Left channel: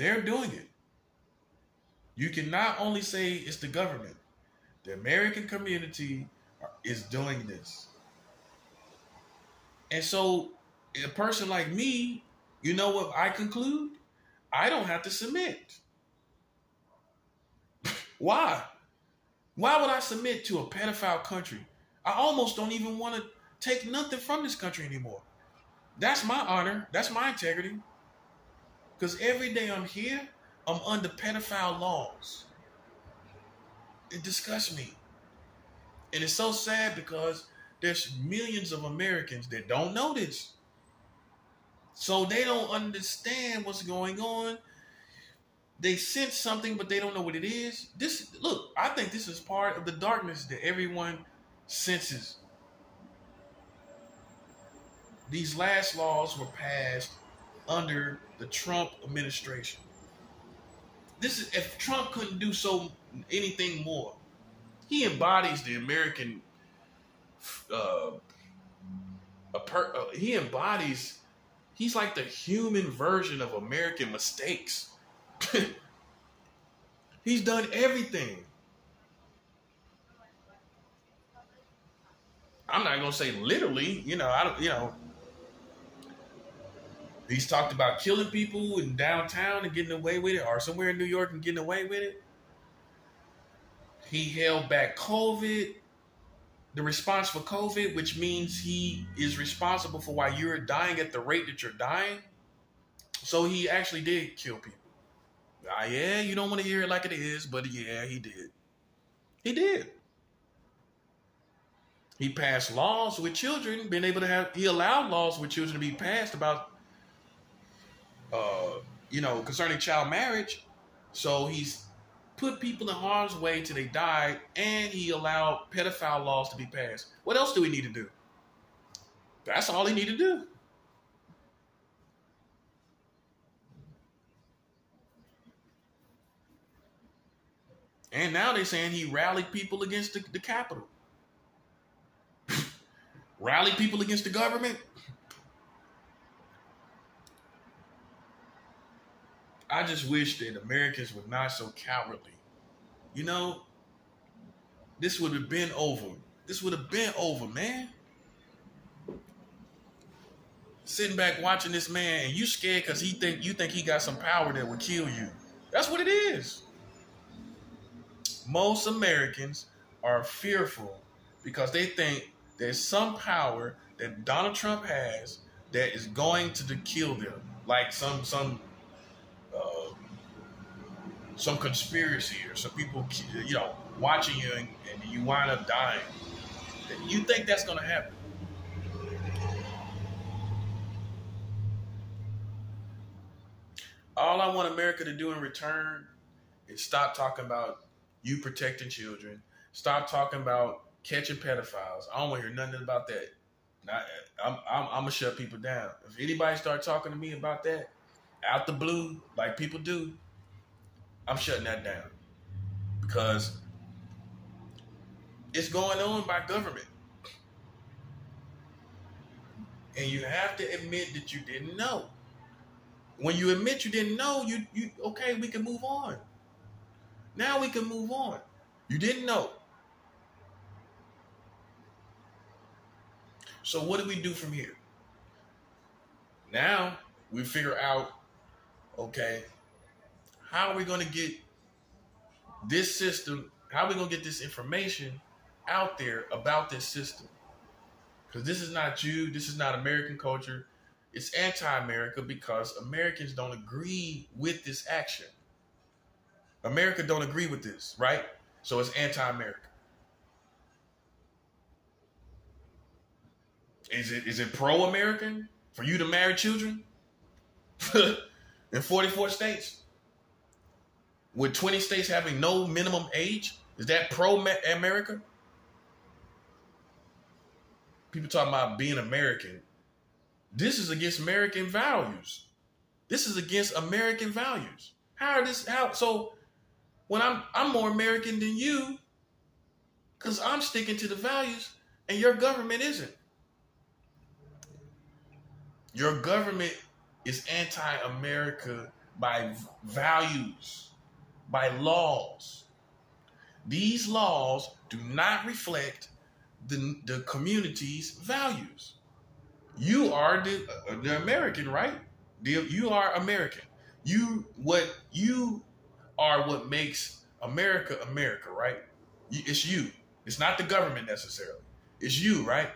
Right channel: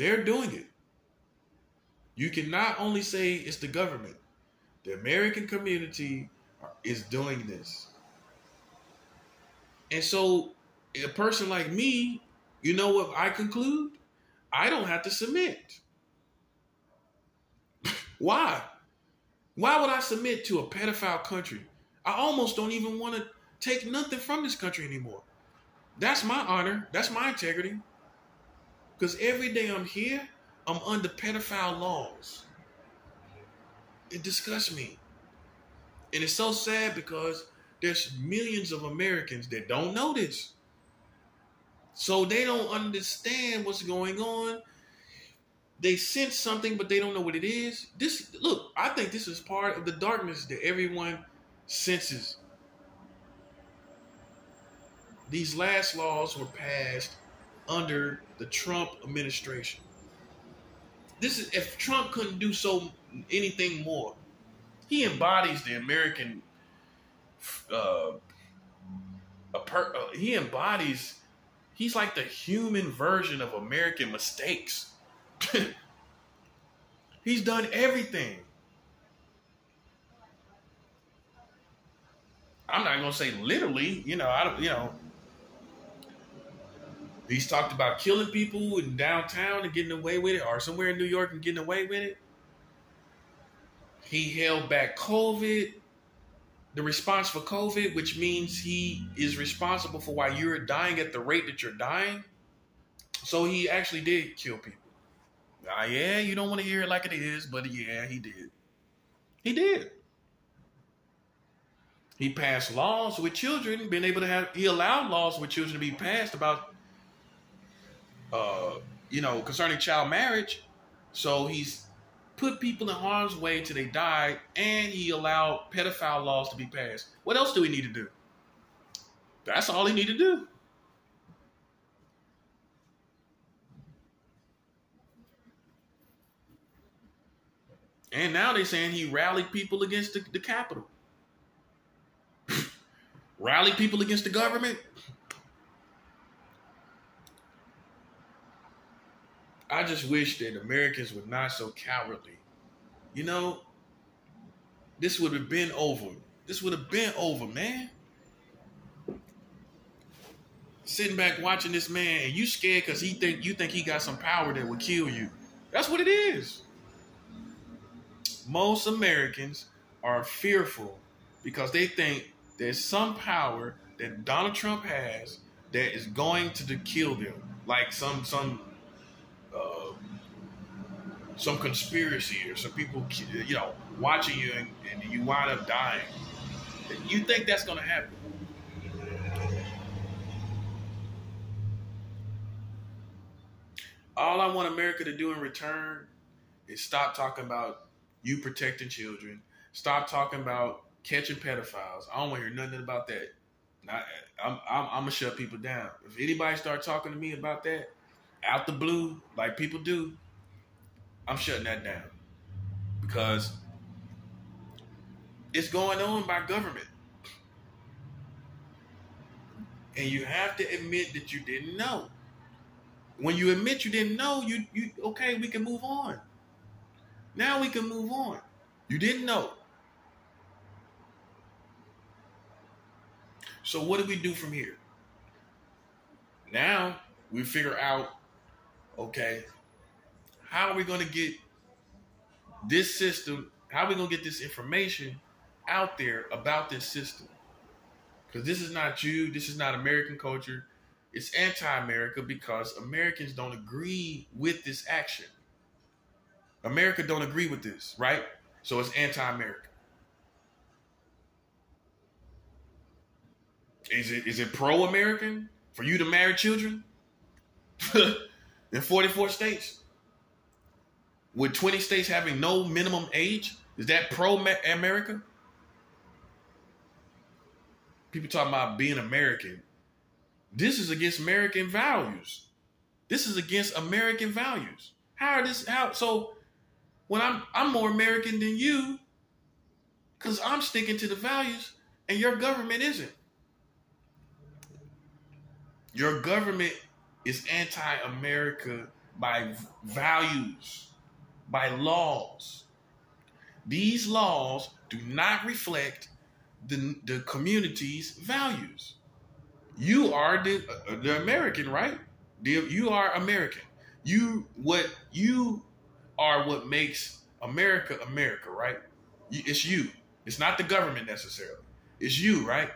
They're doing it. You can not only say it's the government, the American community is doing this. And so a person like me, you know what I conclude? I don't have to submit. Why? Why would I submit to a pedophile country? I almost don't even want to take nothing from this country anymore. That's my honor. That's my integrity. Because every day I'm here, I'm under pedophile laws. It disgusts me. And it's so sad because there's millions of Americans that don't know this. So they don't understand what's going on. They sense something, but they don't know what it is. Look, I think this is part of the darkness that everyone senses. These last laws were passed under the Trump administration. If Trump couldn't do anything more. He embodies the American. He's like the human version of American mistakes. He's done everything. I'm not gonna say literally, he's talked about killing people in downtown and getting away with it, or somewhere in New York and getting away with it. He held back COVID, the response for COVID, which means he is responsible for why you're dying at the rate that you're dying. So he actually did kill people. Yeah, you don't want to hear it like it is, but yeah, he did. He did. He passed laws with children, he allowed laws with children to be passed about, concerning child marriage. So he's put people in harm's way till they died, and he allowed pedophile laws to be passed. What else do we need to do? That's all he needed to do. And now they're saying he rallied people against the Capitol. Rallied people against the government. I just wish that Americans were not so cowardly. This would have been over. This would have been over, man. Sitting back watching this man and you scared because you think he got some power that would kill you. That's what it is. Most Americans are fearful because they think there's some power that Donald Trump has that is going to kill them. Like some conspiracy or some people, watching you and you wind up dying. You think that's going to happen. All I want America to do in return is stop talking about you protecting children. Stop talking about catching pedophiles. I don't want to hear nothing about that. I'm going to shut people down. If anybody start talking to me about that, out the blue, like people do, I'm shutting that down. Because it's going on by government. And you have to admit that you didn't know. When you admit you didn't know, okay, we can move on. Now we can move on. You didn't know. So what do we do from here? Now we figure out, okay, how are we going to get this system, how are we going to get this information out there about this system? Because this is not you, this is not American culture. It's anti-America because Americans don't agree with this action. America don't agree with this, right? So it's anti-America. Is it pro-American for you to marry children in 44 states? With 20 states having no minimum age? Is that pro-America? People talking about being American. This is against American values. This is against American values. So when I'm more American than you, because I'm sticking to the values and your government isn't. Your government is anti-America by values, by laws. These laws do not reflect the community's values. You are the American, right? You are American. You are what makes America America, right? It's you. It's not the government necessarily. It's you, right?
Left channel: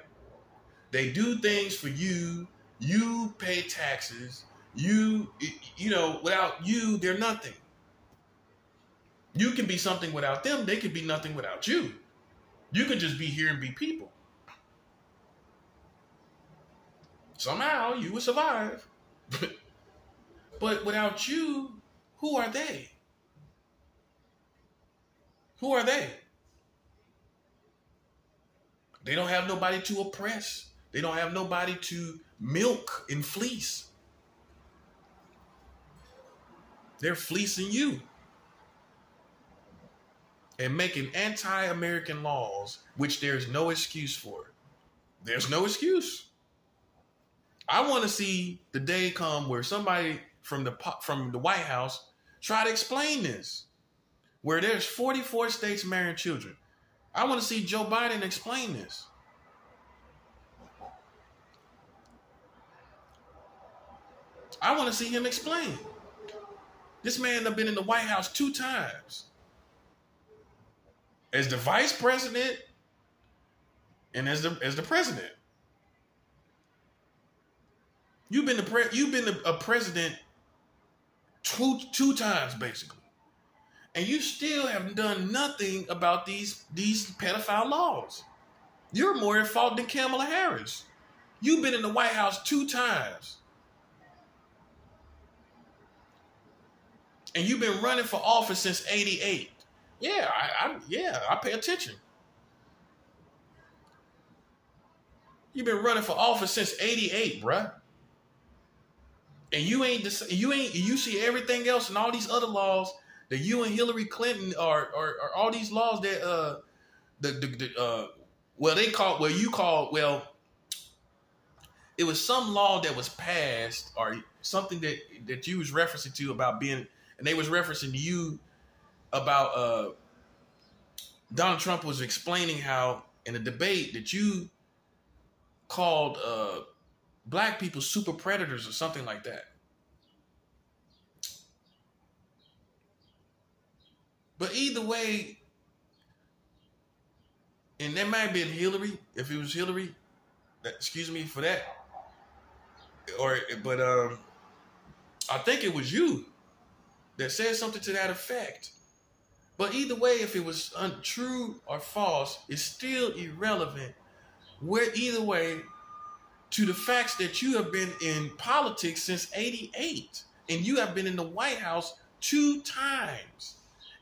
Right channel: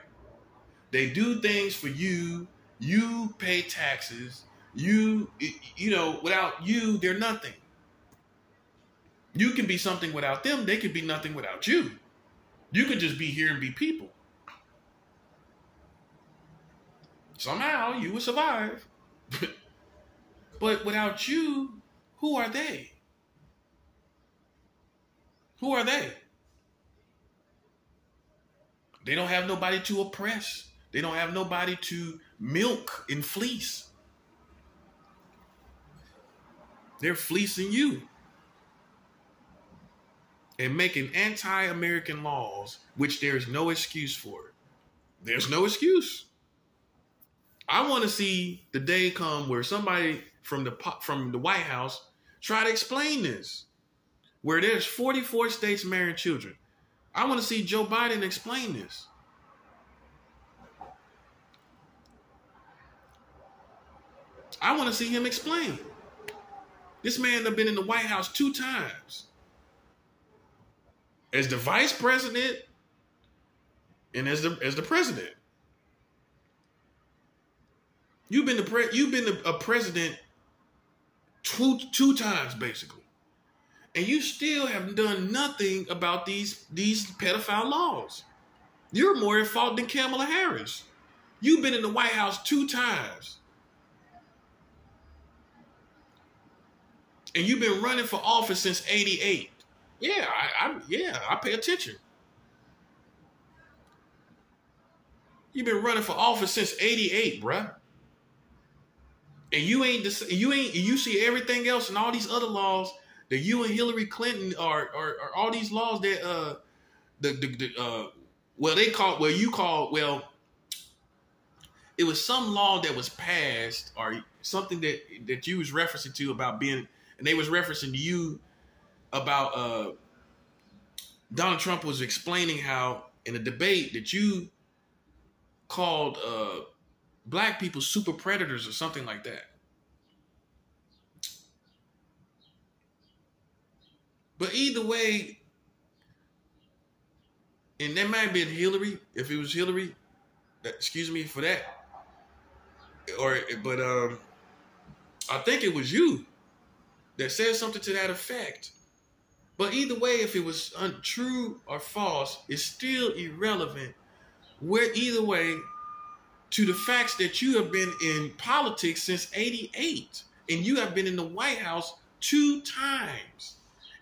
They do things for you. You pay taxes. Without you, they're nothing. You can be something without them. They could be nothing without you. You could just be here and be people. Somehow you will survive. But without you, who are they? Who are they? They don't have nobody to oppress. They don't have nobody to milk and fleece. They're fleecing you and making anti-American laws, which there's no excuse for. There's no excuse. I want to see the day come where somebody from the White House try to explain this, where there's 44 states marrying children. I want to see Joe Biden explain this. I want to see him explain. This man has been in the White House 2 times. As the vice president and as the president. You've been a president two times, basically. And you still have done nothing about these pedophile laws. You're more at fault than Kamala Harris. You've been in the White House 2 times. And you've been running for office since '88. Yeah, I pay attention. You've been running for office since '88, bruh. And you see everything else and all these other laws that you and Hillary Clinton are all these laws that it was some law that was passed or something that you was referencing to about being, and they was referencing to you about Donald Trump was explaining how in a debate that you called black people super predators or something like that. But either way, and that might have been Hillary, if it was Hillary, excuse me for that. But I think it was you that said something to that effect. But either way, if it was untrue or false, it's still irrelevant. Either way, to the facts that you have been in politics since '88, and you have been in the White House 2 times,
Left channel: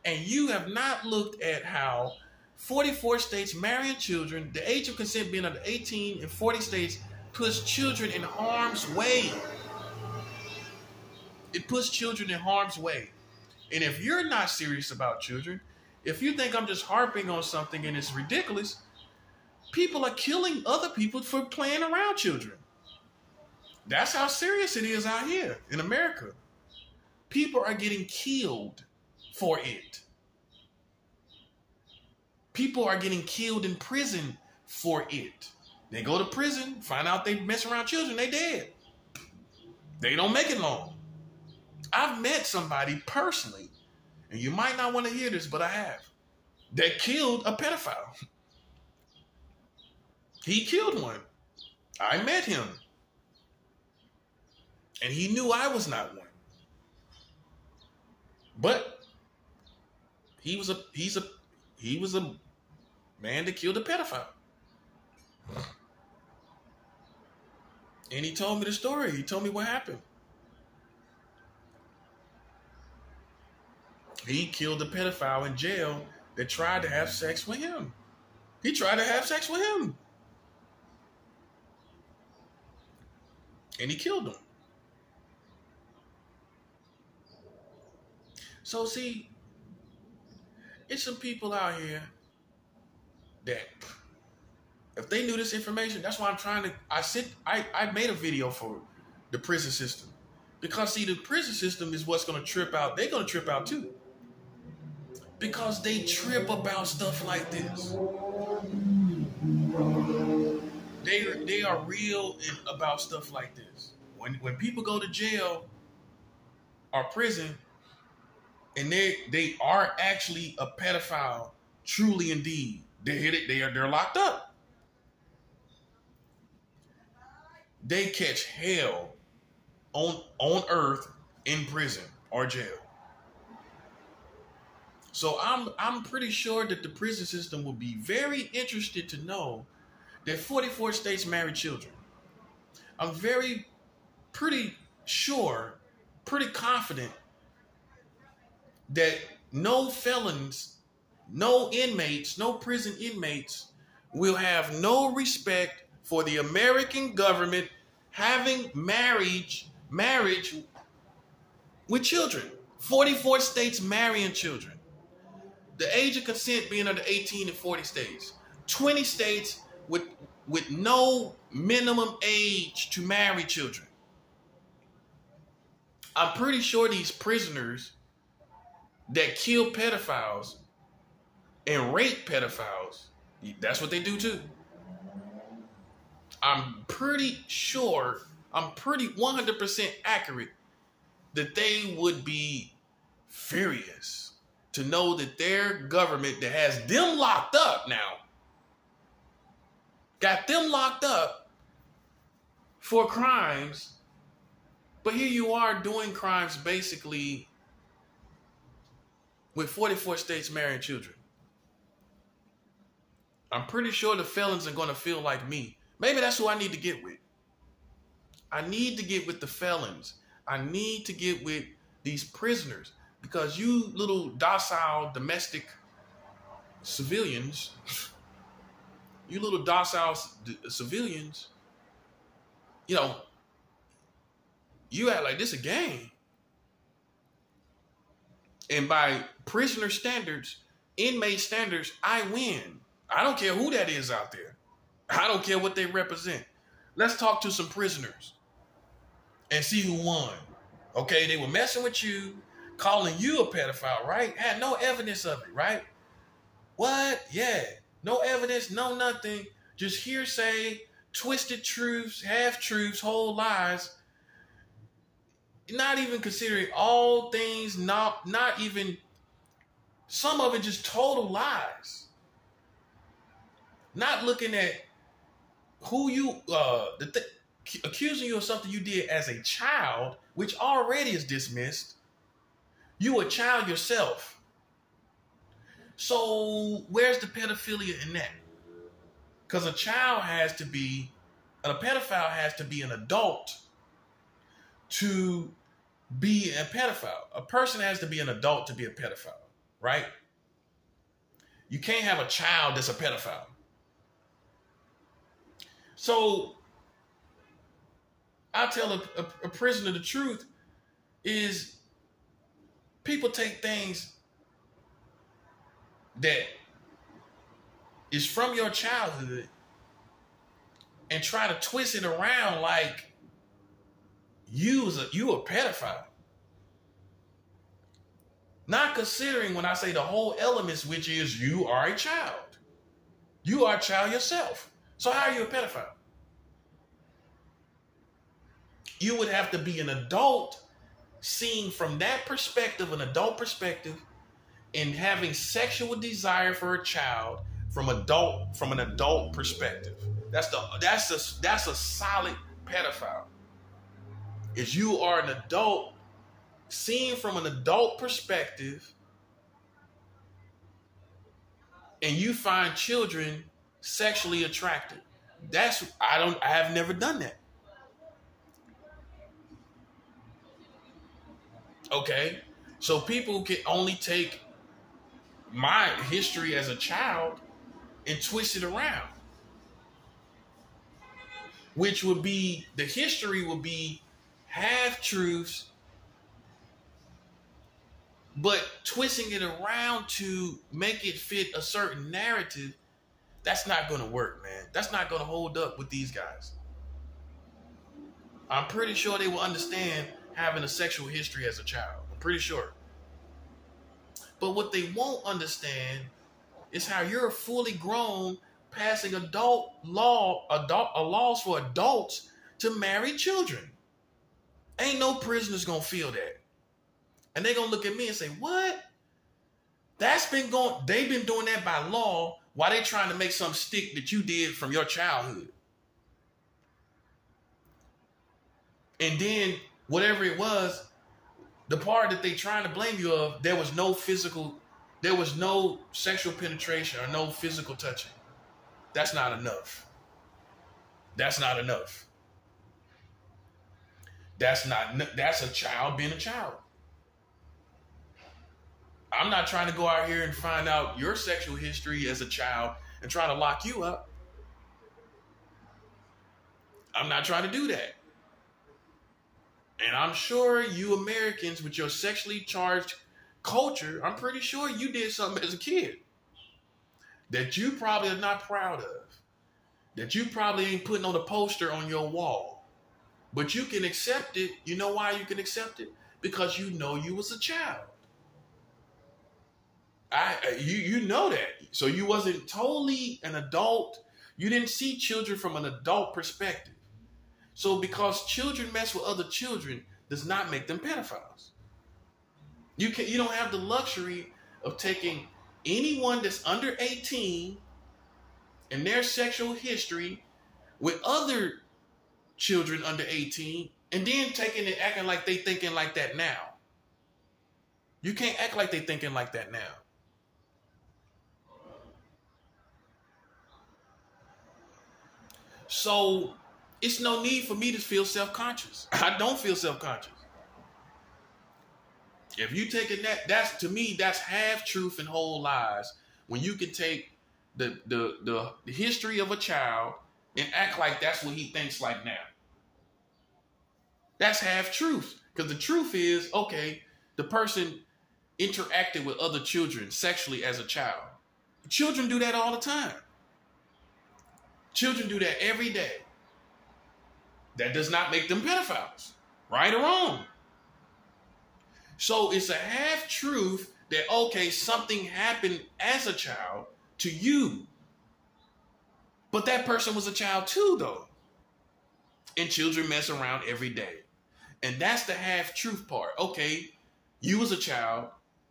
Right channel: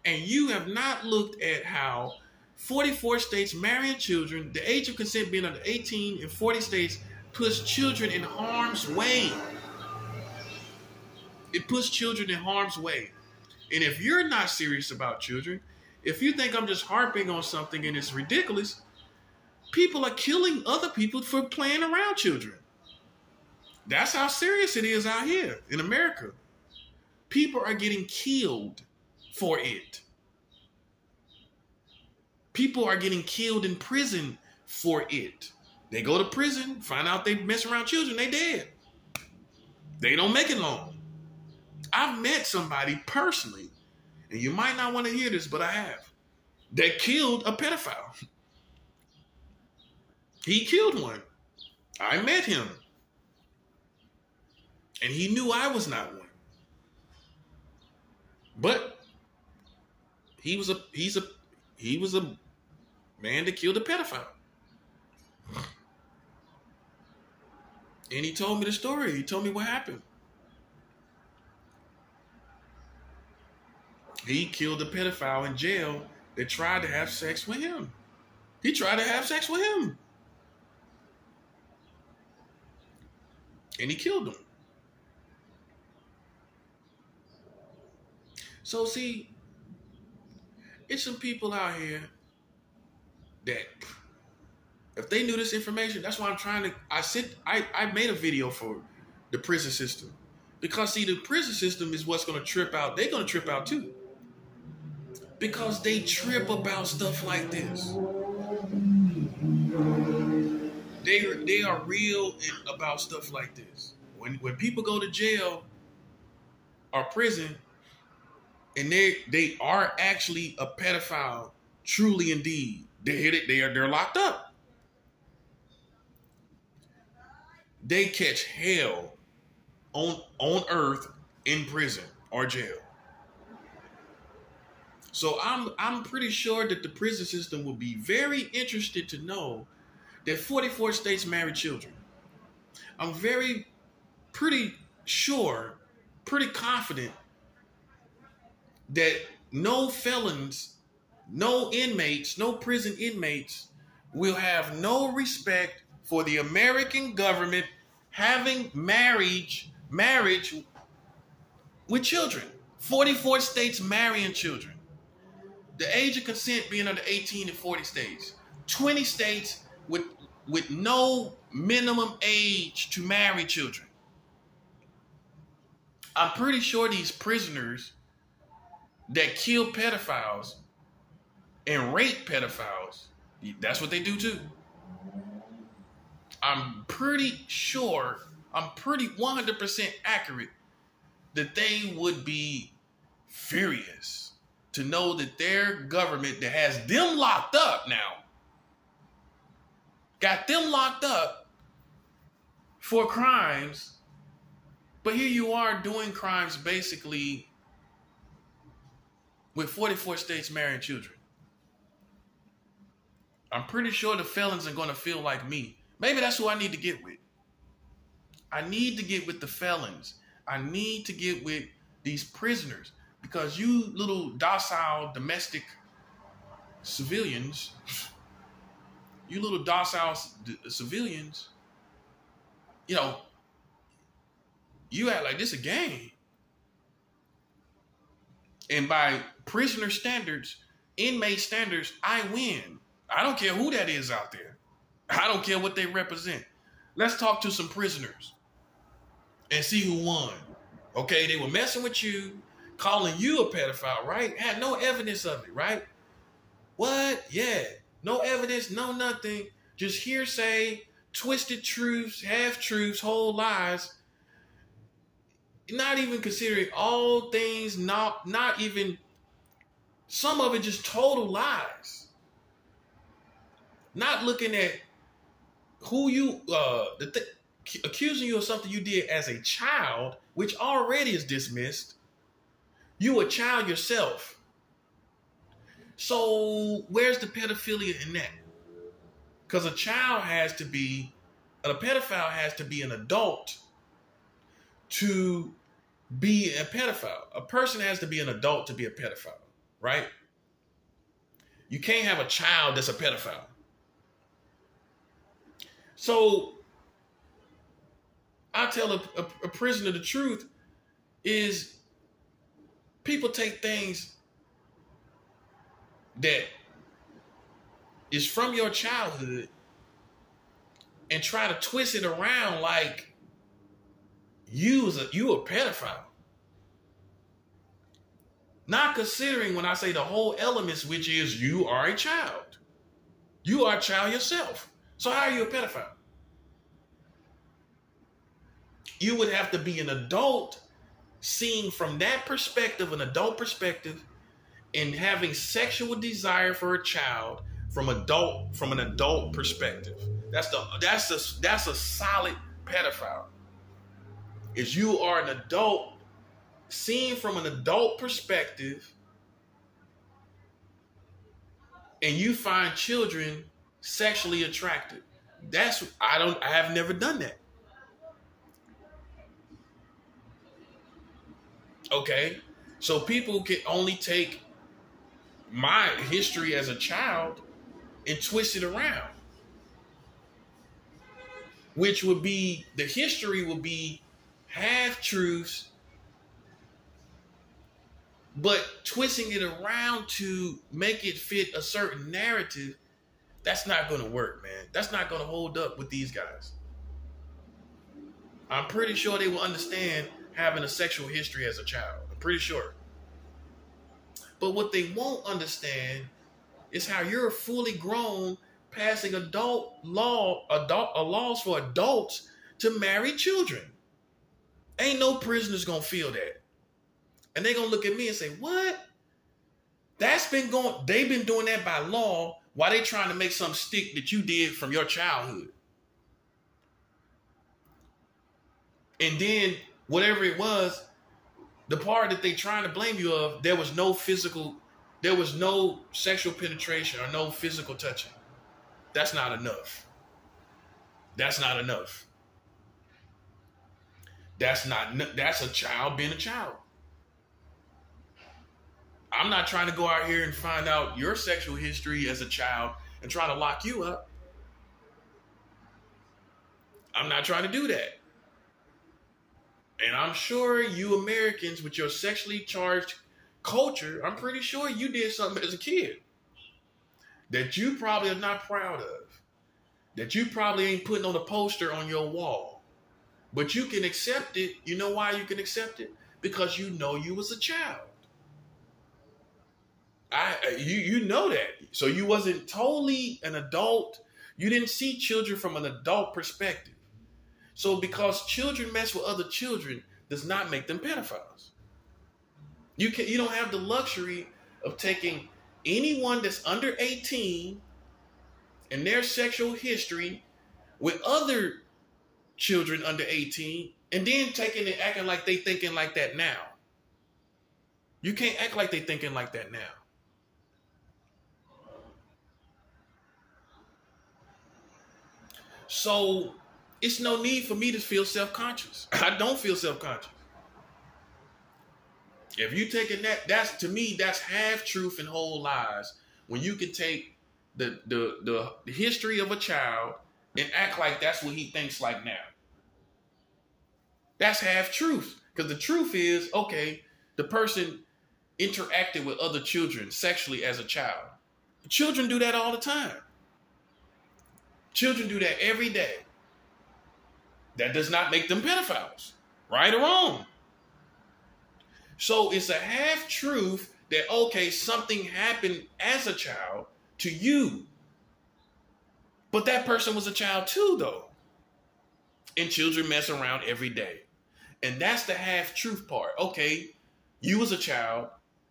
and you have not looked at how 44 states marrying children, the age of consent being under 18 in 40 states, puts children in harm's way. It puts children in harm's way. And if you're not serious about children, if you think I'm just harping on something and it's ridiculous, people are killing other people for playing around children. That's how serious it is out here in America. People are getting killed for it. People are getting killed in prison for it. They go to prison, find out they mess around children, they dead. They don't make it long. I've met somebody personally, and you might not want to hear this, but I have, that killed a pedophile. He killed one. I met him. And he knew I was not one. But he was a man that killed a pedophile. And he told me the story. He told me what happened. He killed a pedophile in jail that tried to have sex with him. He tried to have sex with him. And he killed him. So see, it's some people out here that if they knew this information, that's why I'm trying to, I made a video for the prison system. Because see, the prison system is what's going to trip out. They're going to trip out too. Because they trip about stuff like this. They are real about stuff like this. When people go to jail or prison and they are actually a pedophile, truly indeed, they're locked up. They catch hell on earth in prison or jail. So I'm pretty sure that the prison system will be very interested to know that 44 states marry children. I'm pretty sure, pretty confident that no felons, no inmates, no prison inmates will have no respect for the American government having marriage with children. 44 states marrying children. The age of consent being under 18 in 40 states. 20 states with no minimum age to marry children. I'm pretty sure these prisoners that kill pedophiles and rape pedophiles, that's what they do too. I'm pretty sure, I'm pretty 100% accurate that they would be furious to know that their government that has them locked up now, got them locked up for crimes, but here you are doing crimes basically with 44 states marrying children. I'm pretty sure the felons are going to feel like me. Maybe that's who I need to get with. I need to get with the felons. I need to get with these prisoners because you little docile domestic civilians, you little docile civilians, you know, you act like this a game. And by prisoner standards, inmate standards, I win. I don't care who that is out there. I don't care what they represent. Let's talk to some prisoners and see who won. Okay, they were messing with you, calling you a pedophile, right? Had no evidence of it, right? What? Yeah. No evidence, no nothing. Just hearsay, twisted truths, half-truths, whole lies. Not even considering all things, not even, some of it just total lies. Not looking at who you, accusing you of something you did as a child, which already is dismissed. You a child yourself. So where's the pedophilia in that? Because a pedophile has to be an adult to be a pedophile. A person has to be an adult to be a pedophile, right? You can't have a child that's a pedophile. So I tell a prisoner the truth is people take things that is from your childhood and try to twist it around like you a pedophile. Not considering when I say the whole elements, which is you are a child. You are a child yourself. So how are you a pedophile? You would have to be an adult seeing from that perspective, an adult perspective, and having sexual desire for a child from an adult perspective. That's a solid pedophile. Is you are an adult seeing from an adult perspective and you find children sexually attractive. I have never done that. Okay? So people can only take my history as a child and twist it around. Which would be, the history would be half-truths, but twisting it around to make it fit a certain narrative, that's not going to work, man. That's not going to hold up with these guys. I'm pretty sure they will understand having a sexual history as a child. I'm pretty sure. But what they won't understand is how you're fully grown, passing laws for adults to marry children. Ain't no prisoners gonna feel that. And they gonna look at me and say, what? They've been doing that by law while they trying to make some stick that you did from your childhood. And then whatever it was, the part that they trying to blame you of, there was no sexual penetration or no physical touching. That's not enough. That's not enough. That's a child being a child. I'm not trying to go out here and find out your sexual history as a child and try to lock you up. I'm not trying to do that. And I'm sure you Americans with your sexually charged culture, I'm pretty sure you did something as a kid that you probably are not proud of, that you probably ain't putting on a poster on your wall, but you can accept it. You know why you can accept it? Because you know you was a child. You know that. So you wasn't totally an adult. You didn't see children from an adult perspective. So because children mess with other children does not make them pedophiles. You don't have the luxury of taking anyone that's under 18 and their sexual history with other children under 18 and then taking and acting like they thinking like that now. You can't act like they thinking like that now. So it's no need for me to feel self-conscious. I don't feel self-conscious. If you taking that's to me, that's half truth and whole lies. When you can take the history of a child and act like that's what he thinks like now. That's half truth. Because the truth is, okay, the person interacted with other children sexually as a child. Children do that all the time. Children do that every day. That does not make them pedophiles, right or wrong. So it's a half truth that, okay, something happened as a child to you. But that person was a child too, though. And children mess around every day. And that's the half truth part. Okay, you was a child,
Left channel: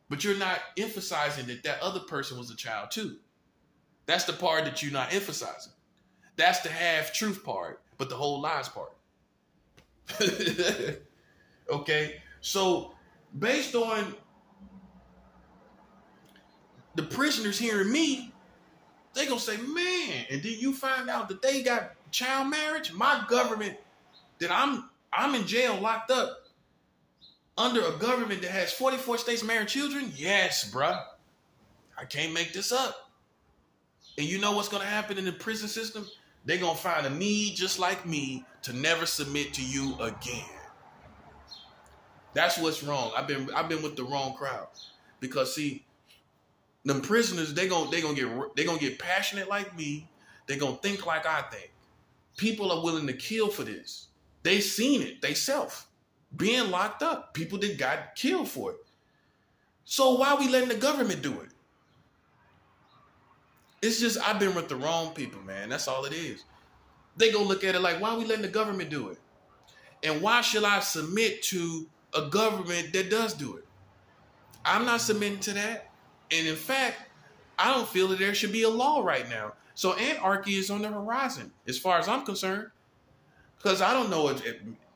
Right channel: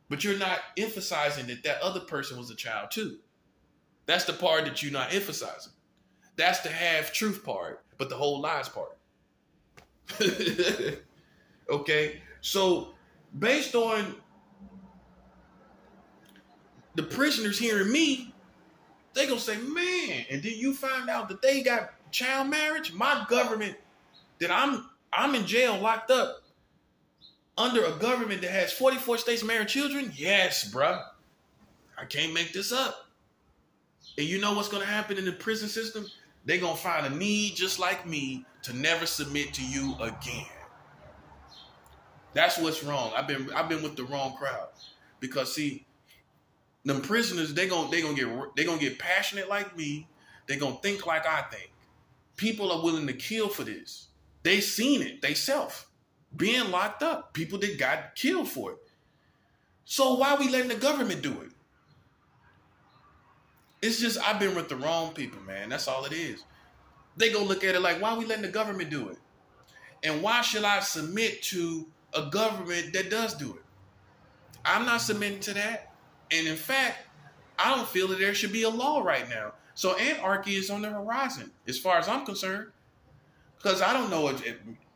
but you're not emphasizing that other person was a child too. That's the part that you're not emphasizing. That's the half truth part, but the whole lies part. Okay, so based on the prisoners hearing me, they gonna say, man, and then you find out that they got child marriage? My government, that I'm in jail locked up under a government that has 44 states marrying children? Yes, bruh. I can't make this up. And you know what's gonna happen in the prison system? They're going to find a need just like me to never submit to you again. That's what's wrong. I've been with the wrong crowd. Because see, them prisoners, they're going to get passionate like me. They're going to think like I think. People are willing to kill for this. They seen it they self being locked up. People that got killed for it. So why are we letting the government do it? It's just, I've been with the wrong people, man. That's all it is. They go look at it like, why are we letting the government do it? And why should I submit to a government that does do it? I'm not submitting to that. And in fact, I don't feel that there should be a law right now. So anarchy is on the horizon, as far as I'm concerned. Because I don't know if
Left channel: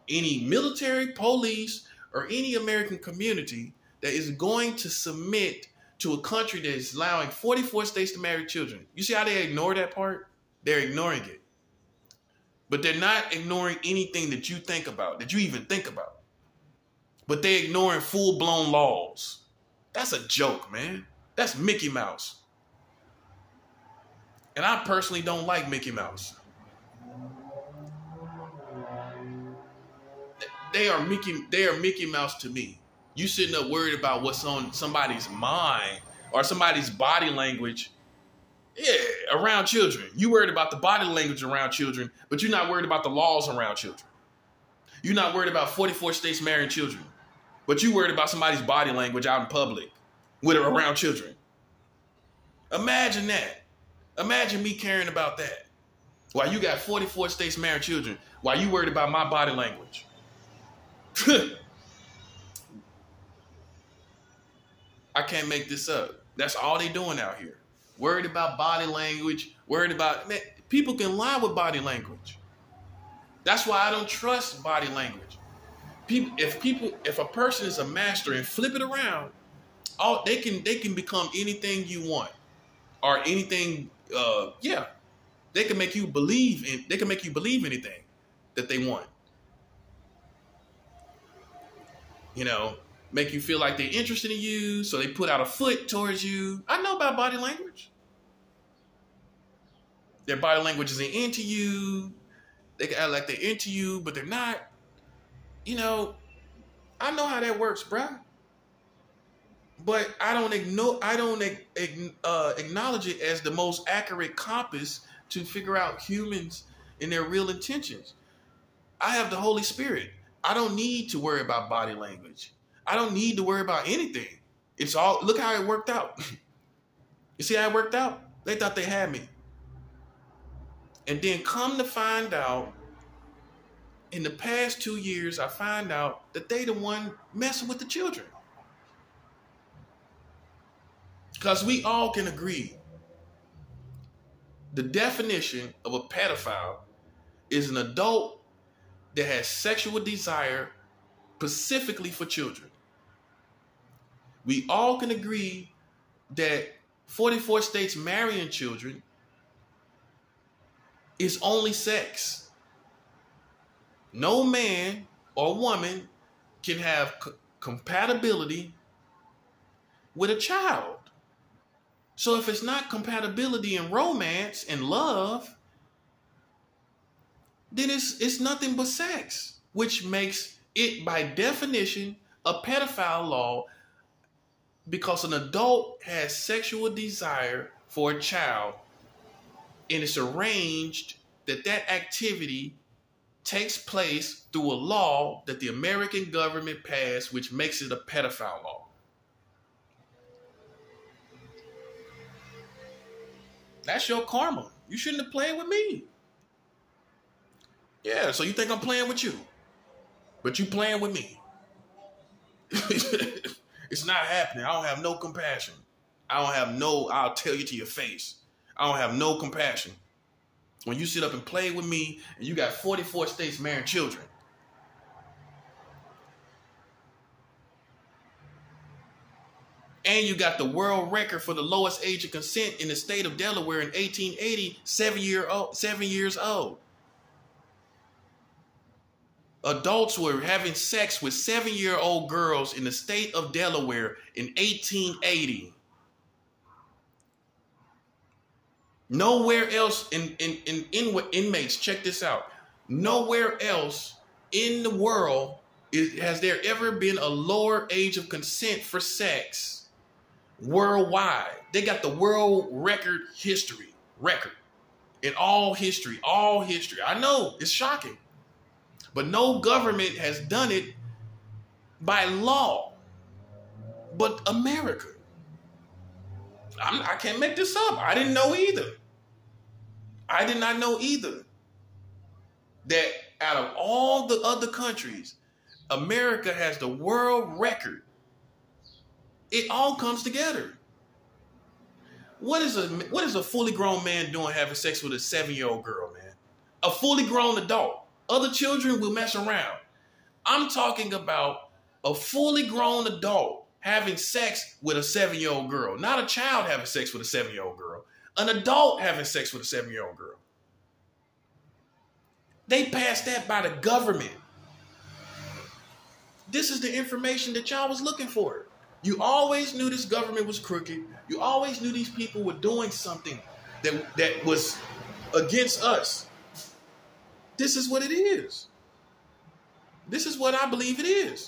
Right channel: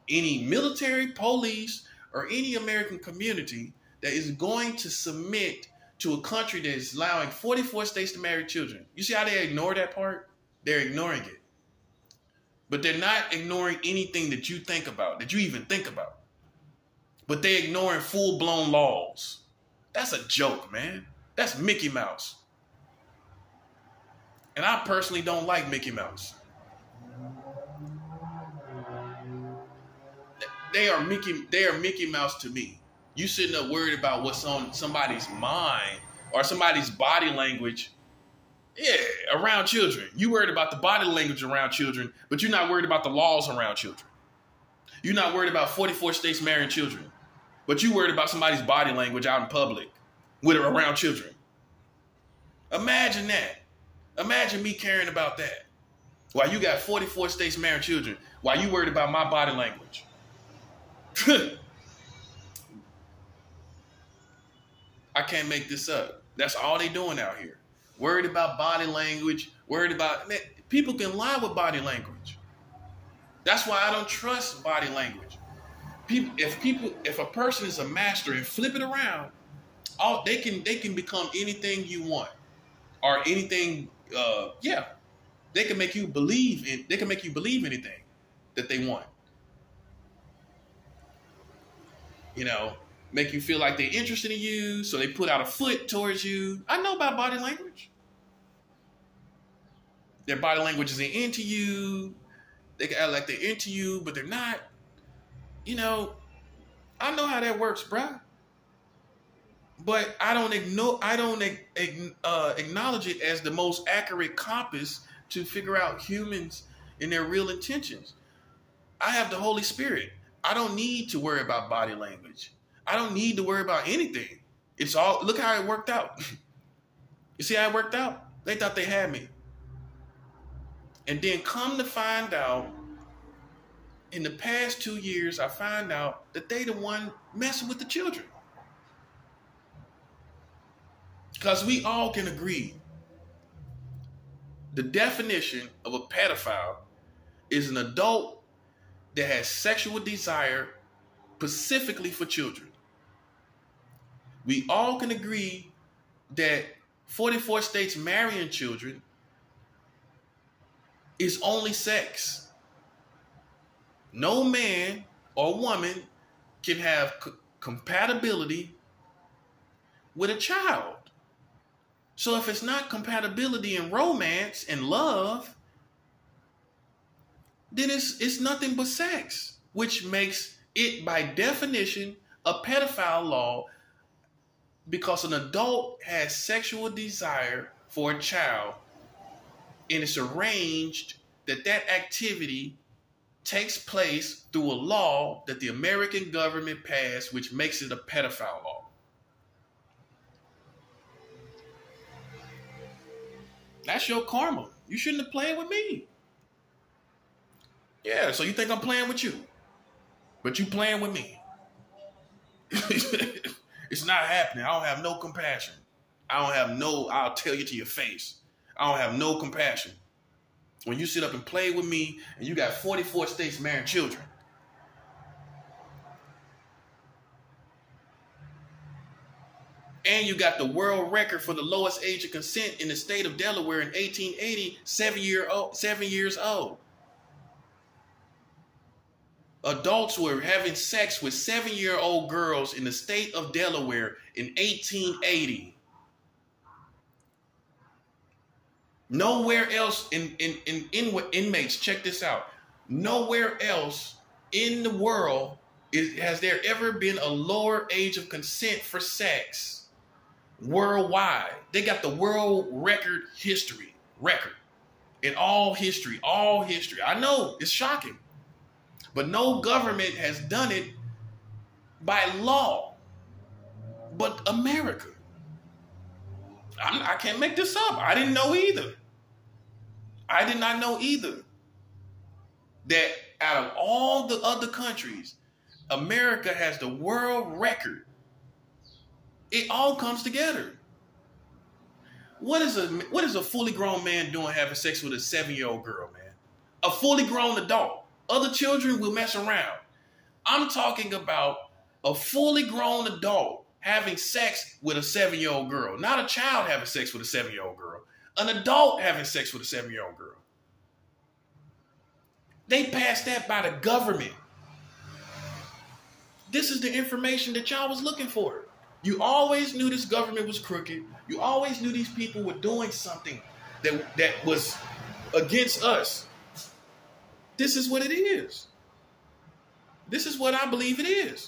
any military, police, or any American community that is going to submit to a country that is allowing 44 states to marry children. You see how they ignore that part? They're ignoring it. But they're not ignoring anything that you think about, that you even think about. But they're ignoring full-blown laws. That's a joke, man. That's Mickey Mouse. And I personally don't like Mickey Mouse. They are Mickey Mouse to me. You sitting up worried about what's on somebody's mind or somebody's body language, around children. You worried about the body language around children, but you're not worried about the laws around children. You're not worried about 44 states marrying children, but you worried about somebody's body language out in public with or around children. Imagine that. Imagine me caring about that. While you got 44 states marrying children, while you worried about my body language. I can't make this up. That's all they doing out here. Worried about body language, worried about, man, people can lie with body language. That's why I don't trust body language. If a person is a master and flip it around, they can become anything you want, or anything. They can make you believe anything that they want. Make you feel like they're interested in you, so they put out a foot towards you. I know about body language. Their body language isn't into you. They can act like they're into you, but they're not. I know how that works, bruh. But I don't acknowledge it as the most accurate compass to figure out humans and their real intentions. I have the Holy Spirit. I don't need to worry about body language. I don't need to worry about anything. Look how it worked out. You see how it worked out? They thought they had me. And then come to find out, in the past 2 years, I find out that they the one messing with the children. Because we all can agree, the definition of a pedophile is an adult that has sexual desire specifically for children. We all can agree that 44 states marrying children is only sex. No man or woman can have compatibility with a child. So if it's not compatibility in romance and love, then it's nothing but sex, which makes it by definition a pedophile law, because an adult has sexual desire for a child, and it's arranged that activity takes place through a law that the American government passed, which makes it a pedophile law. That's your karma. You shouldn't have played with me. Yeah, so you think I'm playing with you, but you playing with me. It's not happening. I don't have no compassion. I'll tell you to your face. I don't have no compassion. When you sit up and play with me and you got 44 states marrying children. And you got the world record for the lowest age of consent in the state of Delaware in 1880, 7 years old. Adults were having sex with 7-year-old girls in the state of Delaware in 1880. Nowhere else in inmates, check this out. Nowhere else in the world has there ever been a lower age of consent for sex worldwide. They got the world record in all history. I know it's shocking. But no government has done it by law but America. I can't make this up. I didn't know either. I did not know either that out of all the other countries, America has the world record. It all comes together. What is a fully grown man doing having sex with a 7-year-old girl, man? A fully grown adult. Other children will mess around. I'm talking about a fully grown adult having sex with a 7-year-old girl. Not a child having sex with a 7-year-old girl. An adult having sex with a 7-year-old girl. They passed that by the government. This is the information that y'all was looking for. You always knew this government was crooked. You always knew these people were doing something that was against us. This is what it is. This is what I believe it is.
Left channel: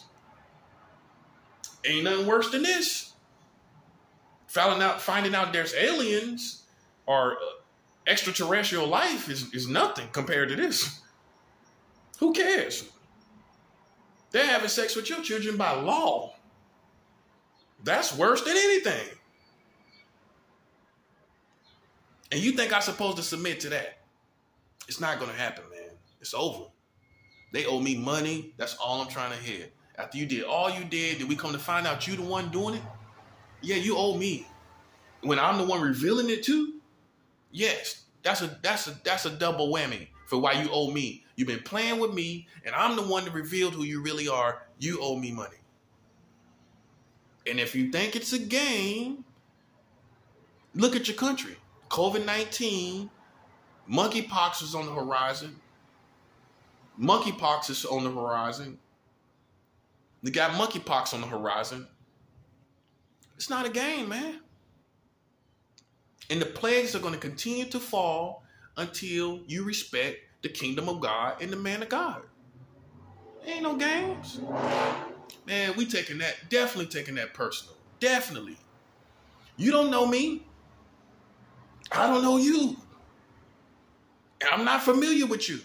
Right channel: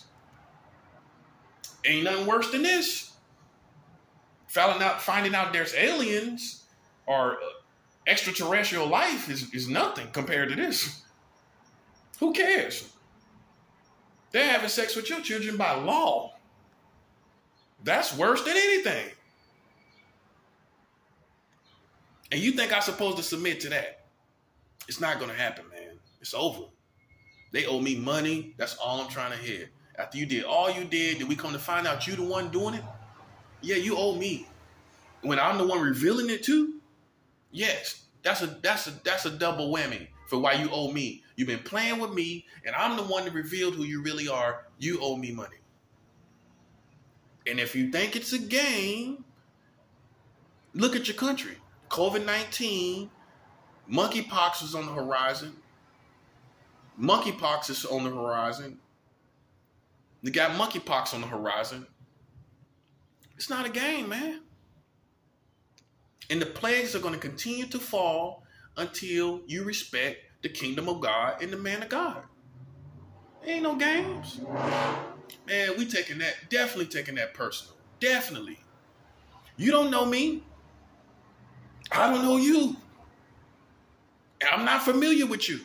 Ain't nothing worse than this. Finding out there's aliens or extraterrestrial life is nothing compared to this. Who cares? They're having sex with your children by law. That's worse than anything. And you think I'm supposed to submit to that? It's not going to happen, man. It's over. They owe me money. That's all I'm trying to hear. After you did all you did we come to find out you the one doing it? Yeah, you owe me. When I'm the one revealing it too? Yes, that's a double whammy for why you owe me. You've been playing with me, and I'm the one that revealed who you really are. You owe me money. And if you think it's a game, look at your country. COVID-19, monkeypox is on the horizon. Monkeypox is on the horizon. They got monkeypox on the horizon. It's not a game, man. And the plagues are going to continue to fall until you respect the kingdom of God and the man of God. Ain't no games. Man, we definitely taking that personal. Definitely. You don't know me. I don't know you. And I'm not familiar with you.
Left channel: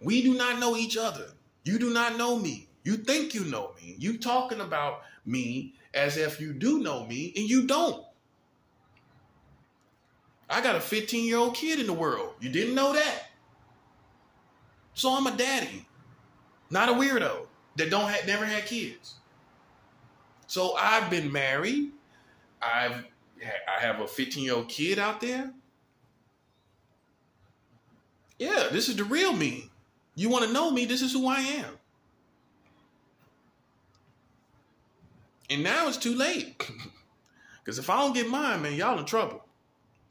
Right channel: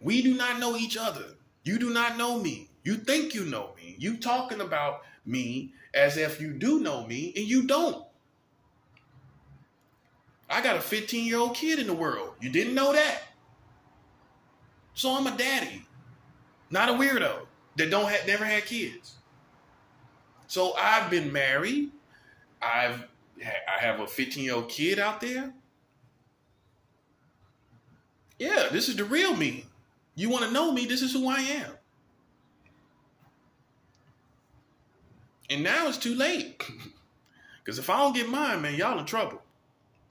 We do not know each other. You do not know me. You think you know me. You talking about me as if you do know me, and you don't. I got a 15-year-old kid in the world. You didn't know that. So I'm a daddy, not a weirdo that never had kids. So I've been married. I have a 15-year-old kid out there. Yeah, this is the real me. You want to know me, this is who I am. And now it's too late. Because if I don't get mine, man, y'all in trouble.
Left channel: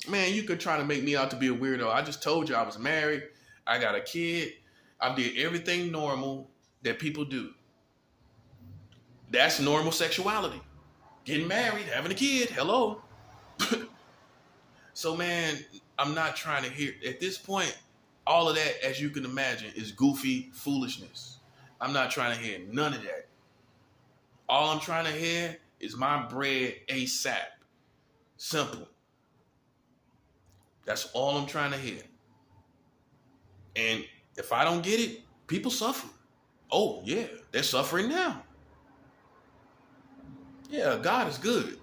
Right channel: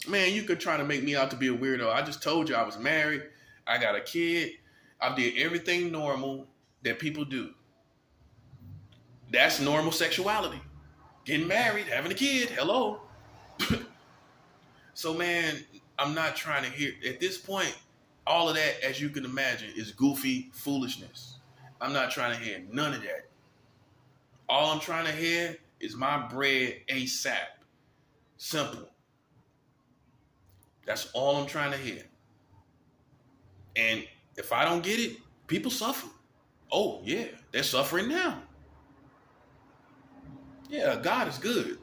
Man, you could try to make me out to be a weirdo. I just told you I was married. I got a kid. I did everything normal that people do. That's normal sexuality. Getting married, having a kid. Hello. So, man, I'm not trying to hear. At this point, all of that, as you can imagine, is goofy foolishness. I'm not trying to hear none of that. All I'm trying to hear is my bread ASAP. Simple. That's all I'm trying to hear. And if I don't get it, people suffer. Oh, yeah, they're suffering now. Yeah, God is good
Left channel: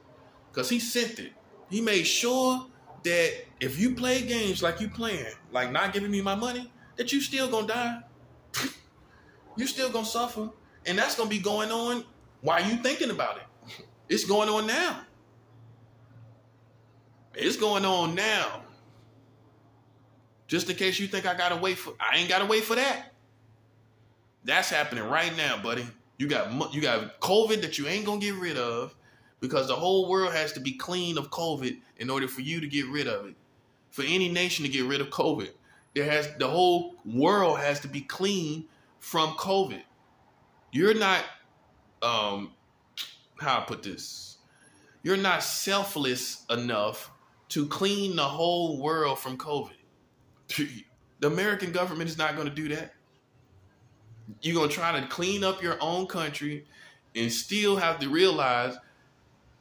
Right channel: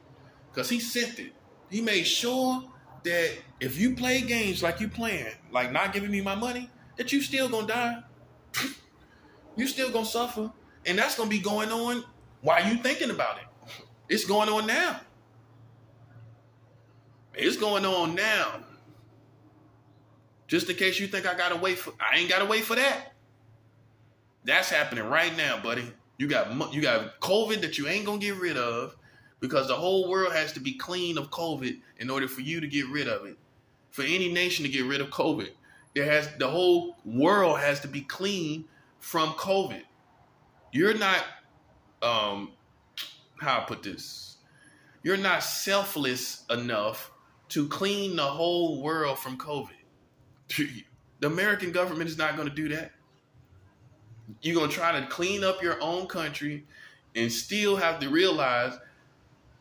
because he sent it. He made sure that if you play games like you playing, like not giving me my money, that you still gonna die. You still gonna suffer. And that's gonna be going on while you thinking about it. It's going on now. It's going on now. Just in case you think I ain't gotta wait for that. That's happening right now, buddy. You got COVID that you ain't gonna get rid of because the whole world has to be clean of COVID in order for you to get rid of it. For any nation to get rid of COVID, the whole world has to be clean from COVID. You're not, how I put this? You're not selfless enough to clean the whole world from COVID. The American government is not going to do that. You're going to try to clean up your own country and still have to realize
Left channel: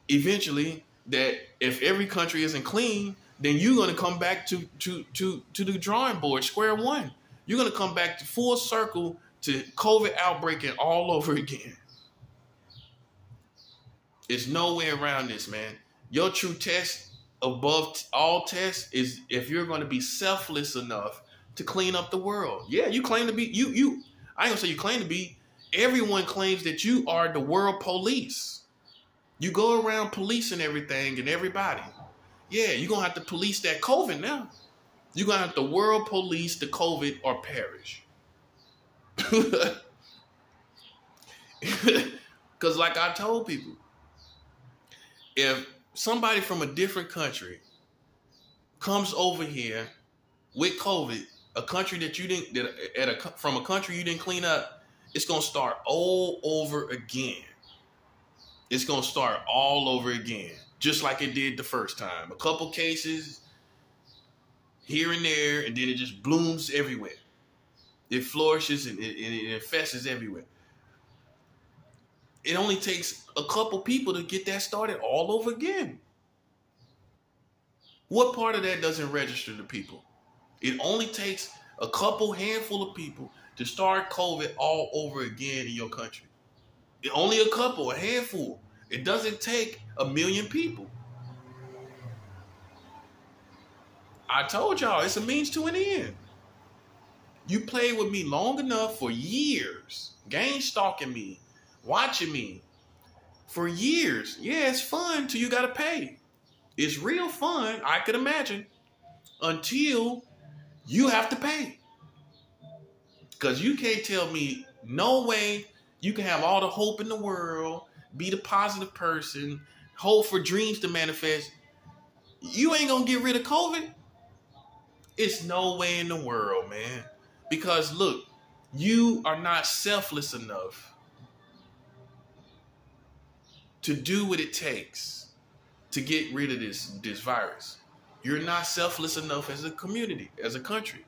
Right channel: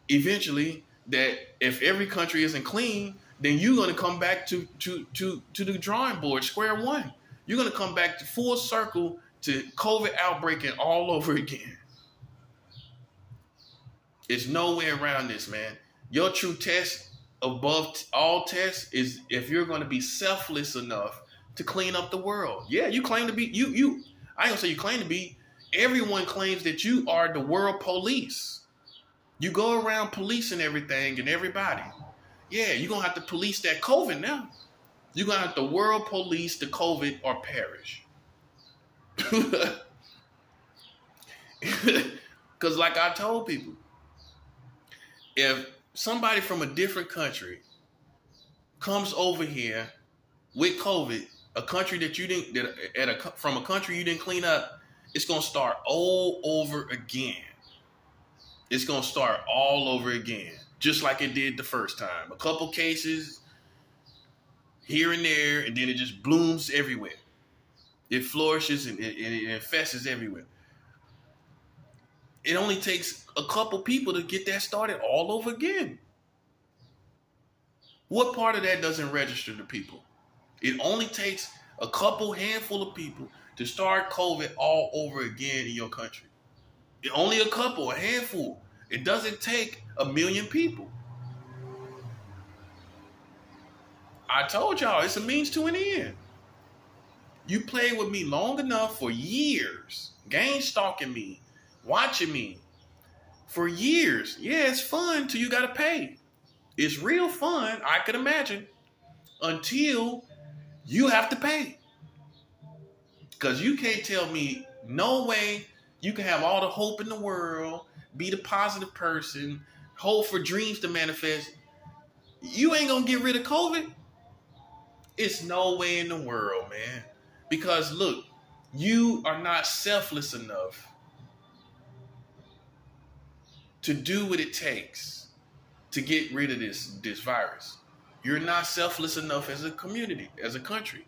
eventually that if every country isn't clean, then you're going to come back to the drawing board, square one. You're going to come back to full circle to COVID outbreaking all over again. There's no way around this, man. Your true test above all tests is if you're going to be selfless enough to clean up the world. Yeah, you claim to be, I ain't gonna say you claim to be. Everyone claims that you are the world police. You go around policing everything and everybody. Yeah, you're going to have to police that COVID now. You're going to have to world police the COVID or perish. Because like I told people, if somebody from a different country comes over here with COVID, a country that you didn't, from a country you didn't clean up, it's going to start all over again. It's going to start all over again, just like it did the first time. A couple cases here and there, and then it just blooms everywhere. It flourishes and it infests everywhere. It only takes a couple people to get that started all over again. What part of that doesn't register to people? It only takes a couple handful of people to start COVID all over again in your country. Only a couple, a handful. It doesn't take 1 million people. I told y'all, it's a means to an end. You played with me long enough for years, game stalking me, watching me for years. Yeah, it's fun till you got to pay. It's real fun, I could imagine, until you have to pay. Because you can't tell me no way you can have all the hope in the world, be the positive person, hope for dreams to manifest. You ain't going to get rid of COVID? It's no way in the world, man. Because look, you are not selfless enough to do what it takes to get rid of this virus. You're not selfless enough as a community, as a country.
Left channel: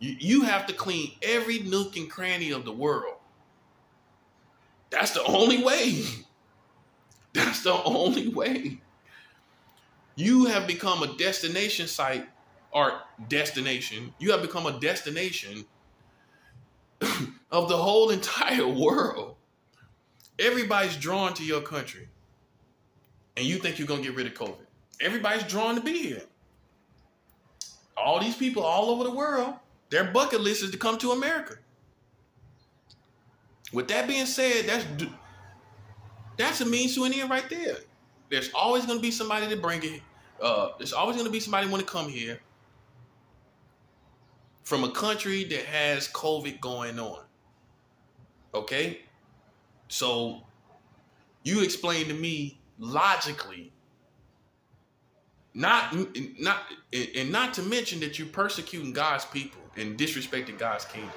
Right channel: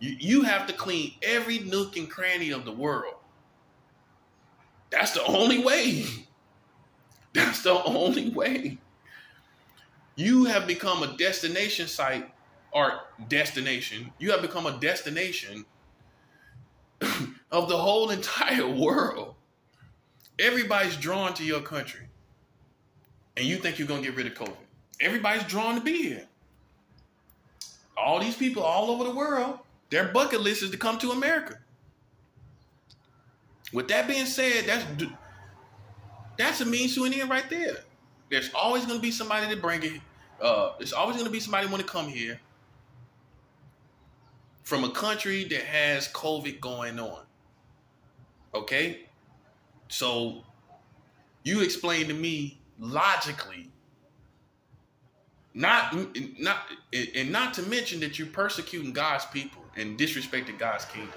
You have to clean every nook and cranny of the world. That's the only way. That's the only way. You have become a destination site or destination. You have become a destination of the whole entire world. Everybody's drawn to your country. And you think you're going to get rid of COVID. Everybody's drawn to be here. All these people all over the world, their bucket list is to come to America. With that being said, that's a means to an end right there. There's always going to be somebody to bring it. There's always going to be somebody want to come here from a country that has COVID going on. Okay? So you explain to me logically, not to mention that you're persecuting God's people and disrespecting God's kingdom.